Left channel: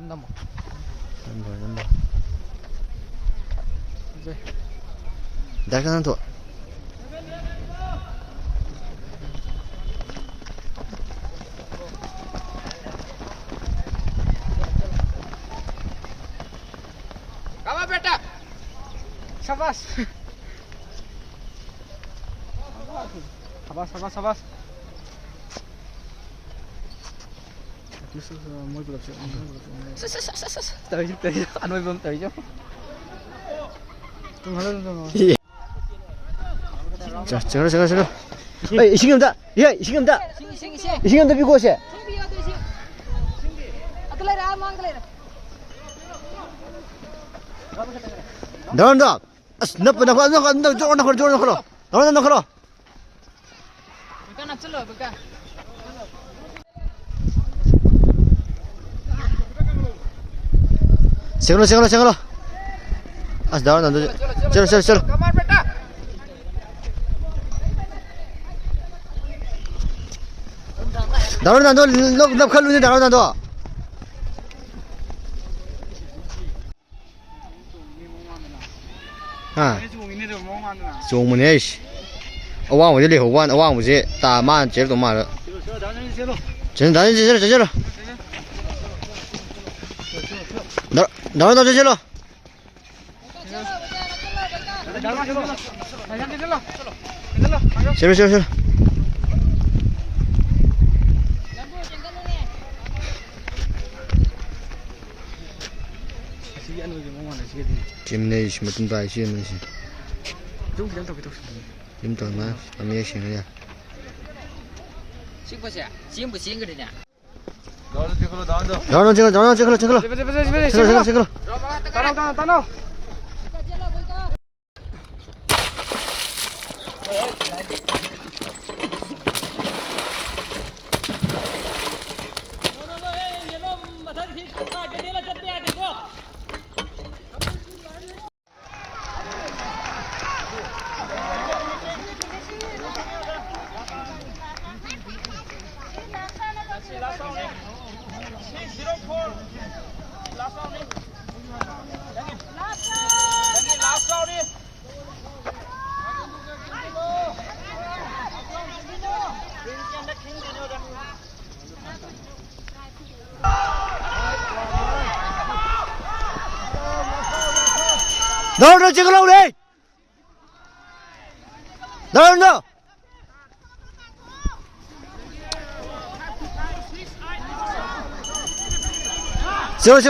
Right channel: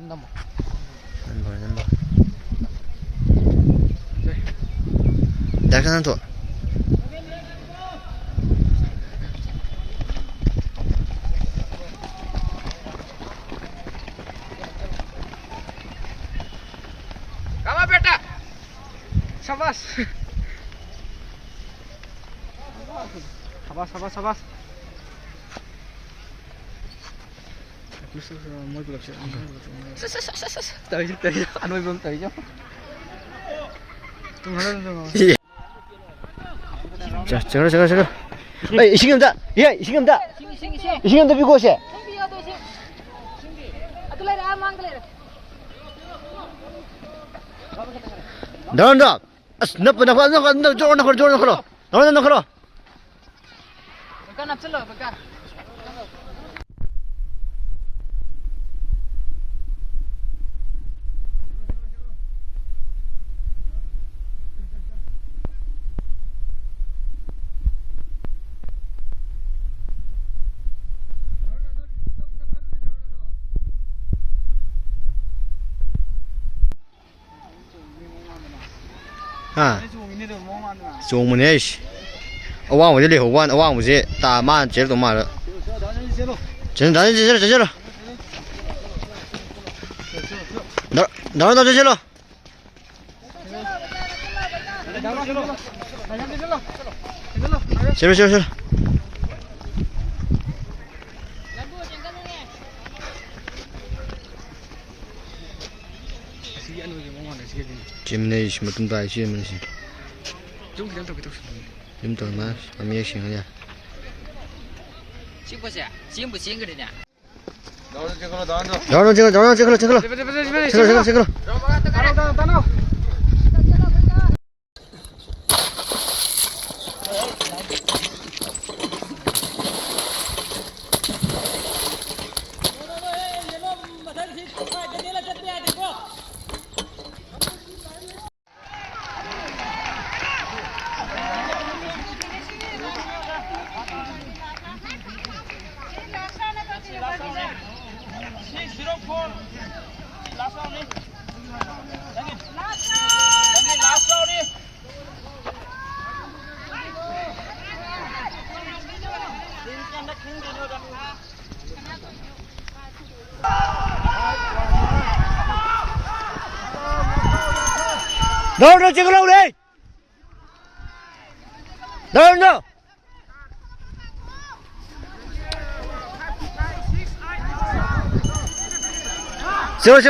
넘버. 약간 더. 가마 베타. 사바스. 사바스. Muy producción. Tới anh ơi vương tới chứ. 자, 저거. 에이, 이신경다. 예, 이신경다. 이신경다 비고 오세. 나온다. 나 저거 나가라. 나가라. Bukan nak celo, bukan. 생각로. 아, 나온다. 저러. Kamar beta. 나온다. 너 칼로니 나온다. 너. 아. 종문에 씨. 어왕我这里后弯어왕我这打慢节奏慢了真咱这了哪这了行 Jimny mà tung tay xuyên mình xí Jim tao mà làm gì xuyên nha Xin có xe, xin不xin个的呢 나오는 찍어 따라 나오는 찍으라고 그래 나오는 세워